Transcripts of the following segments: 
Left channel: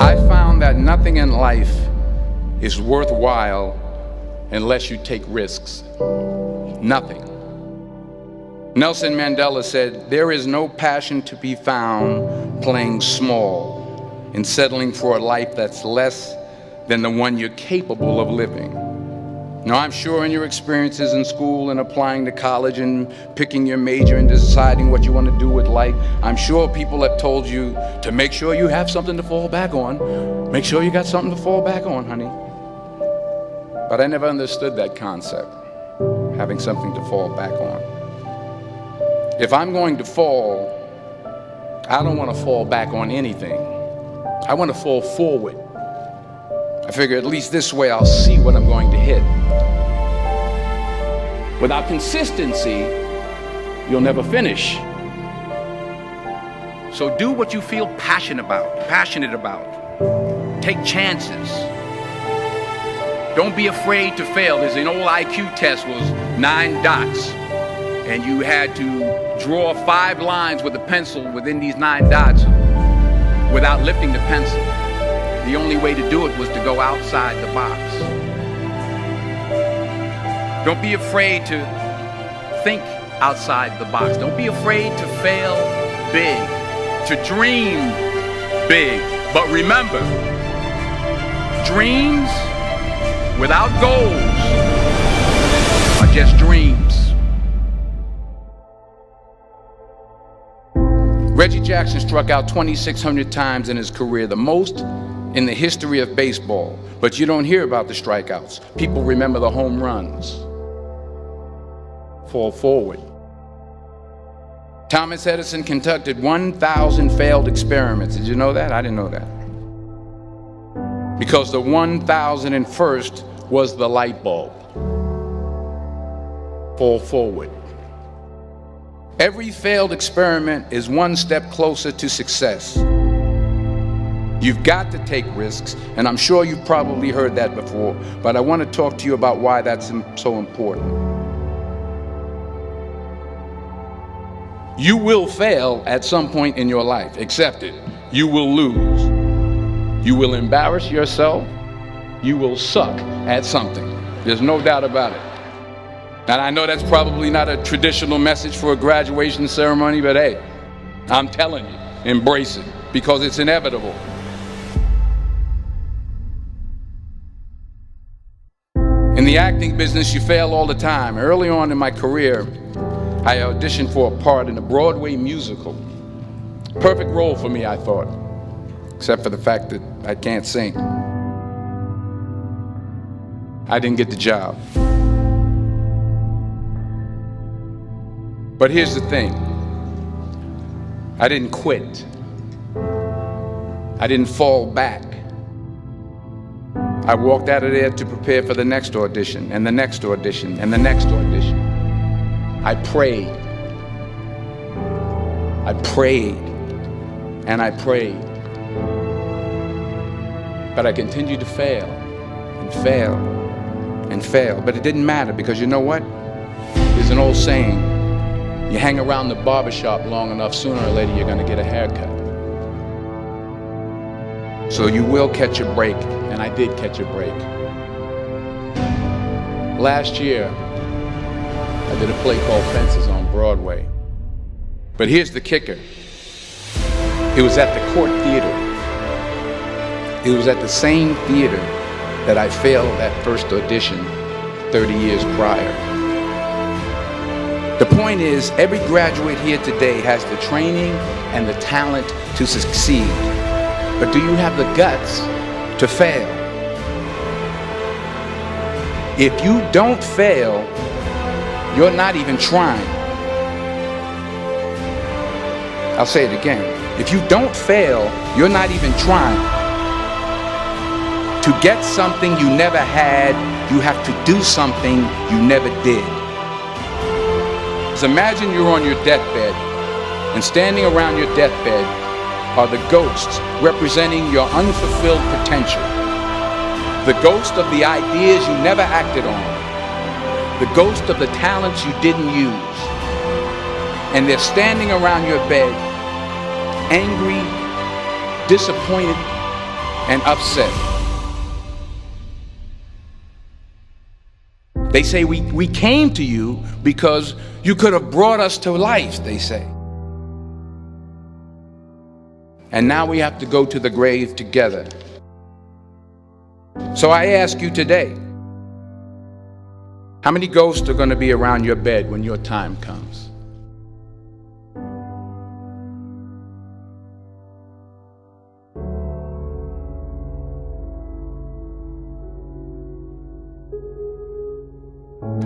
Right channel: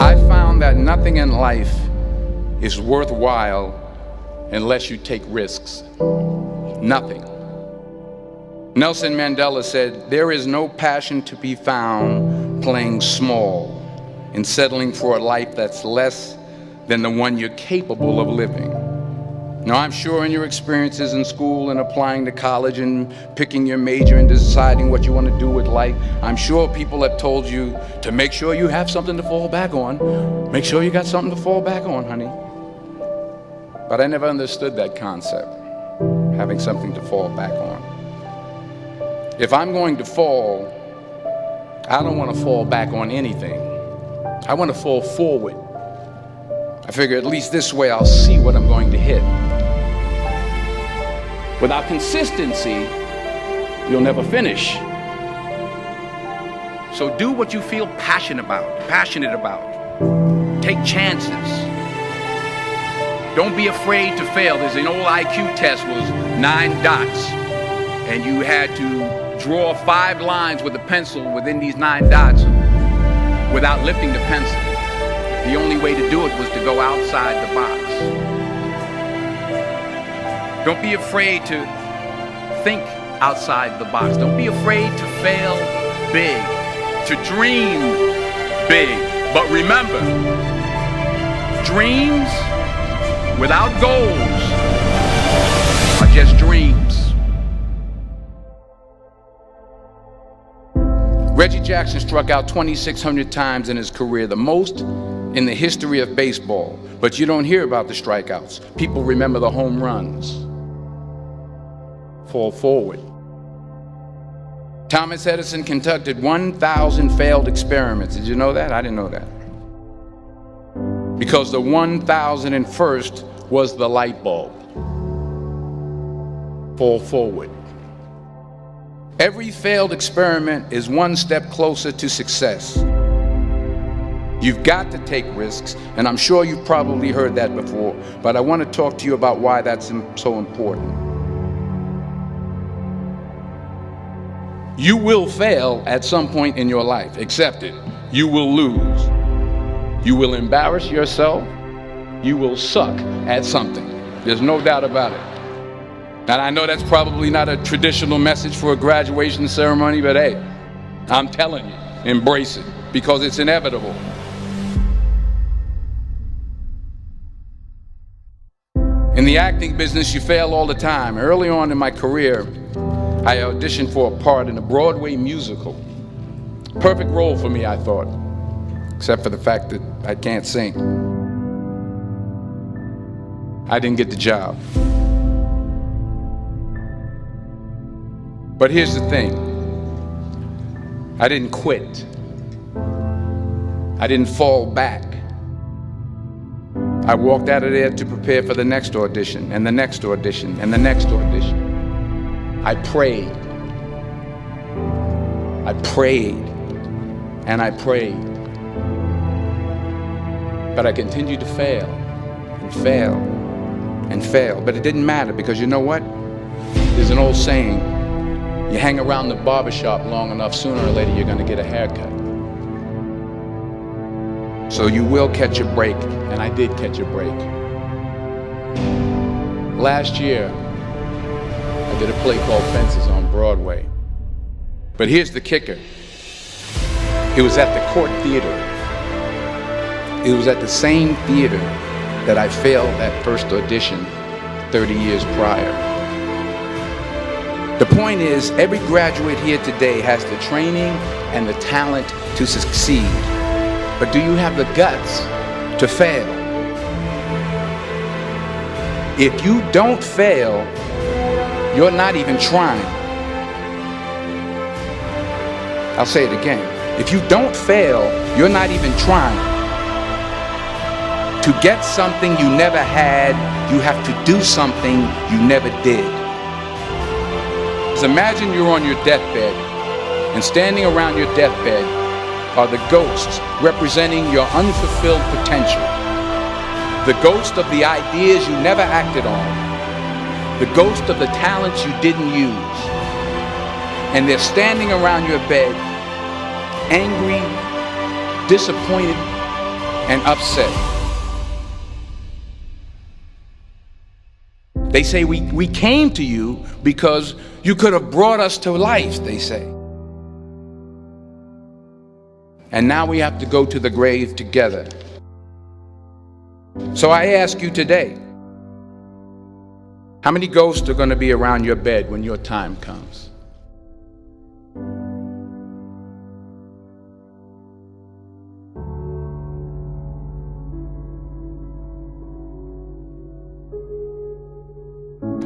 I found that nothing in life is worthwhile unless you take risks. Nothing. Nelson Mandela said, "There is no passion to be found playing small and settling for a life that's less than the one you're capable of living." Now, I'm sure in your experiences in school and applying to college and picking your major and deciding what you want to do with life, I'm sure people have told you to make sure you have something to fall back on. Make sure you got something to fall back on, honey. But I never understood that concept, having something to fall back on. If I'm going to fall, I don't want to fall back on anything. I want to fall forward. I figure at least this way I'll see what I'm going to hit. Without consistency, you'll never finish. So do what you feel passionate about. Take chances. Don't be afraid to fail. There's an old IQ test, was 9 dots, and you had to draw 5 lines with a pencil within these 9 dots without lifting the pencil. The only way to do it was to go outside the box. Don't be afraid to think outside the box. Don't be afraid to fail big, to dream big. But remember, dreams without goals are just dreams. Reggie Jackson struck out 2,600 times in his career, the most in the history of baseball. But you don't hear about the strikeouts. People remember the home runs. Fall forward. Thomas Edison conducted 1,000 failed experiments. Did you know that? I didn't know that. Because the 1,001st was the light bulb. Fall forward. Every failed experiment is one step closer to success. You've got to take risks, and I'm sure you've probably heard that before, but I want to talk to you about why that's so important. You will fail at some point in your life. Accept it. You will lose. You will embarrass yourself. You will suck at something. There's no doubt about it. And I know that's probably not a traditional message for a graduation ceremony, but hey, I'm telling you, embrace it, because it's inevitable. In the acting business, you fail all the time. Early on in my career, I auditioned for a part in a Broadway musical. Perfect role for me, I thought, except for the fact that I can't sing. I didn't get the job. But here's the thing. I didn't quit. I didn't fall back. I walked out of there to prepare for the next audition, and the next audition, and the next audition. I prayed. I prayed. And I prayed. But I continued to fail, and fail, and fail. But it didn't matter, because you know what? There's an old saying, you hang around the barbershop long enough, sooner or later you're going to get a haircut. So you will catch a break, and I did catch a break. Last year, I did a play called Fences on Broadway. But here's the kicker. It was at the Court Theater. It was at the same theater that I failed that first audition 30 years prior. The point is, every graduate here today has the training and the talent to succeed. But do you have the guts to fail? If you don't fail, you're not even trying. I'll say it again. If you don't fail, you're not even trying. To get something you never had, you have to do something you never did. So imagine you're on your deathbed, and standing around your deathbed are the ghosts representing your unfulfilled potential. The ghost of the ideas you never acted on. The ghost of the talents you didn't use. And they're standing around your bed, angry, disappointed, and upset. They say we came to you because you could have brought us to life, they say. And now we have to go to the grave together. So I ask you today, how many ghosts are going to be around your bed when your time comes?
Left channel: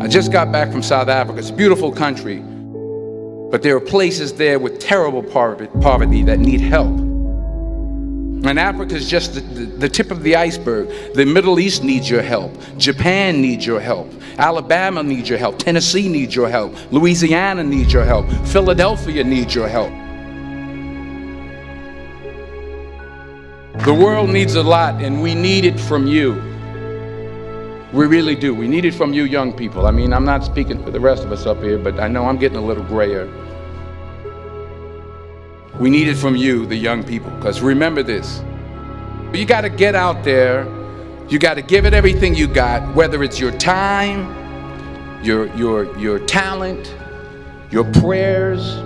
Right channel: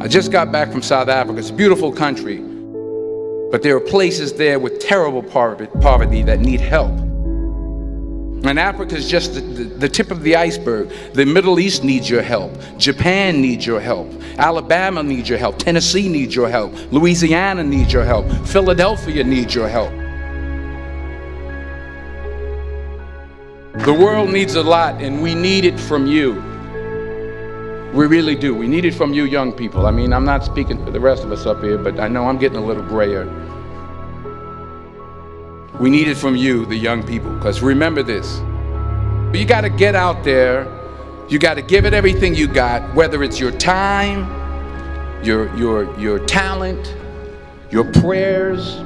I just got back from South Africa. It's a beautiful country, but there are places there with terrible poverty that need help. And Africa is just the tip of the iceberg. The Middle East needs your help. Japan needs your help. Alabama needs your help. Tennessee needs your help. Louisiana needs your help. Philadelphia needs your help. The world needs a lot, and we need it from you. We really do. We need it from you young people. I mean, I'm not speaking for the rest of us up here, but I know I'm getting a little grayer. We need it from you, the young people, because remember this. You got to get out there. You got to give it everything you got, whether it's your time, your talent, your prayers,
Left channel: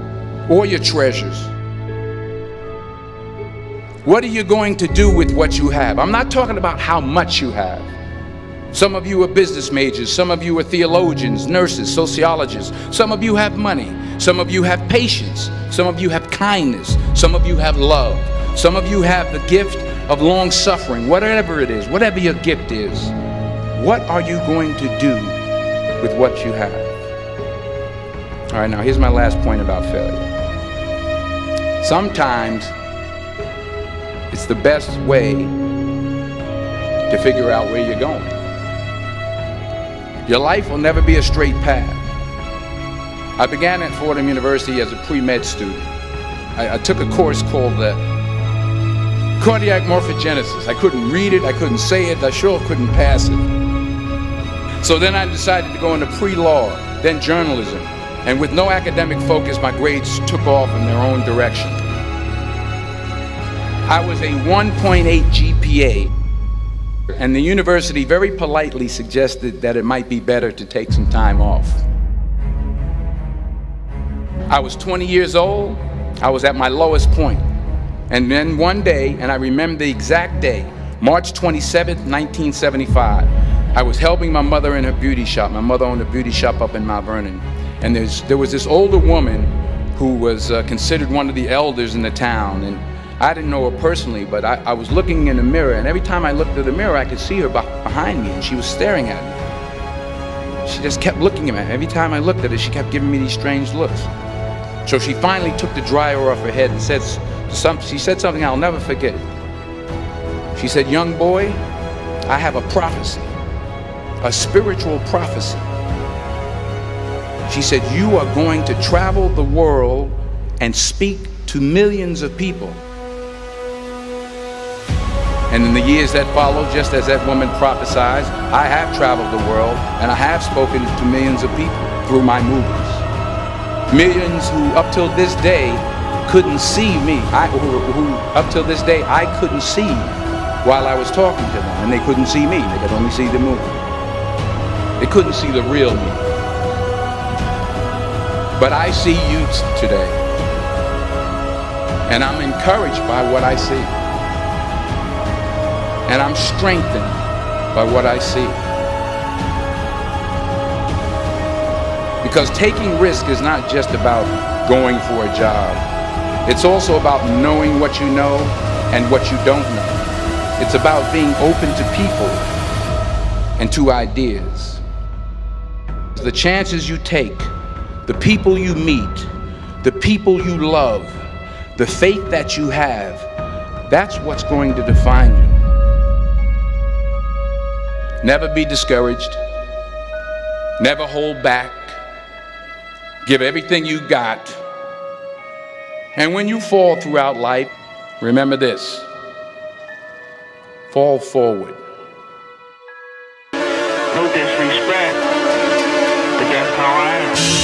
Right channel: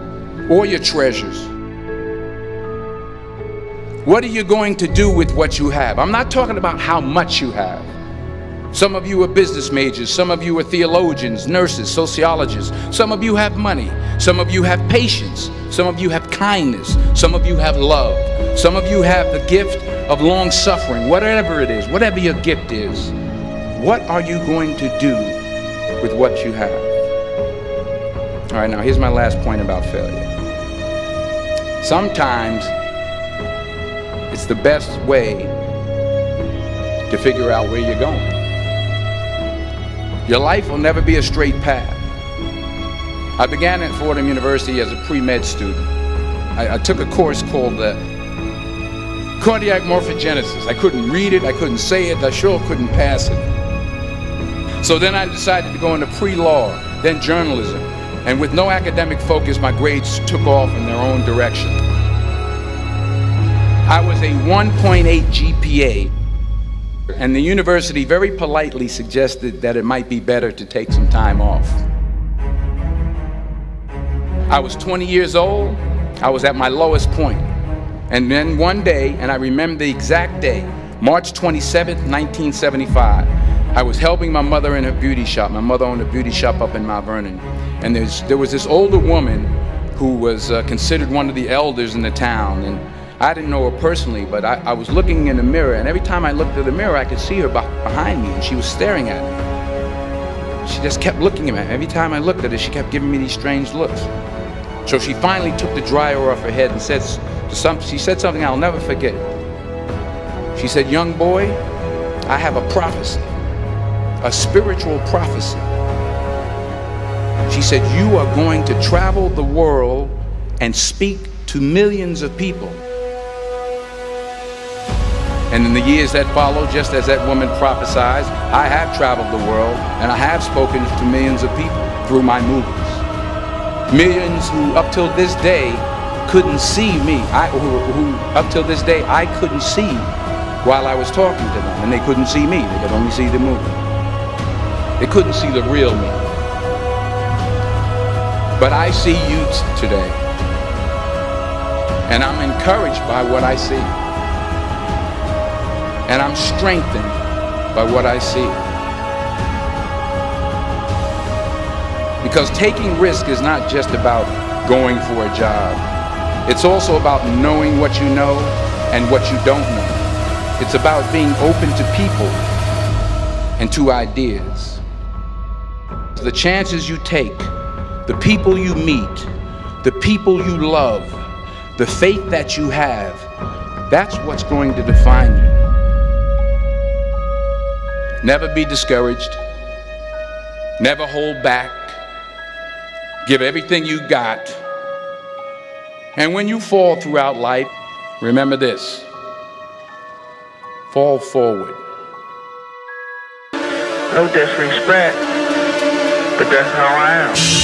or your treasures. What are you going to do with what you have? I'm not talking about how much you have. Some of you are business majors, some of you are theologians, nurses, sociologists. Some of you have money, some of you have patience, some of you have kindness, some of you have love, some of you have the gift of long suffering. Whatever it is, whatever your gift is, what are you going to do with what you have? All right, now here's my last point about failure. Sometimes it's the best way to figure out where you're going. Your life will never be a straight path. I began at Fordham University as a pre-med student. I took a course called cardiac morphogenesis. I couldn't read it, I couldn't say it, I sure couldn't pass it. So then I decided to go into pre-law, then journalism. And with no academic focus, my grades took off in their own direction. I was a 1.8 GPA. And the university very politely suggested that it might be better to take some time off. I was 20 years old. I was at my lowest point. And then one day, and I remember the exact day, March 27th, 1975, I was helping my mother in her beauty shop. My mother owned a beauty shop up in Mount Vernon. And there was this older woman who was considered one of the elders in the town. And I didn't know her personally, but I was looking in the mirror, and every time I looked at the mirror, I could see her behind me, and she was staring at me. She just kept looking at me. Every time I looked at her, she kept giving me these strange looks. So she finally took the dryer off her head and she said something I'll never forget. She said, "Young boy, I have a prophecy, a spiritual prophecy." She said, "You are going to travel the world and speak to millions of people." And in the years that followed, just as that woman prophesied, I have traveled the world and I have spoken to millions of people through my movies. Millions who up till this day couldn't see me, who up till this day I couldn't see while I was talking to them, and they couldn't see me, they could only see the movie. They couldn't see the real me. But I see you today, and I'm encouraged by what I see. And I'm strengthened by what I see. Because taking risk is not just about going for a job. It's also about knowing what you know and what you don't know. It's about being open to people and to ideas. The chances you take, the people you meet, the people you love, the faith that you have, that's what's going to define you. Never be discouraged. Never hold back. Give everything you got. And when you fall throughout life, remember this: fall forward. No disrespect, but that's how I am.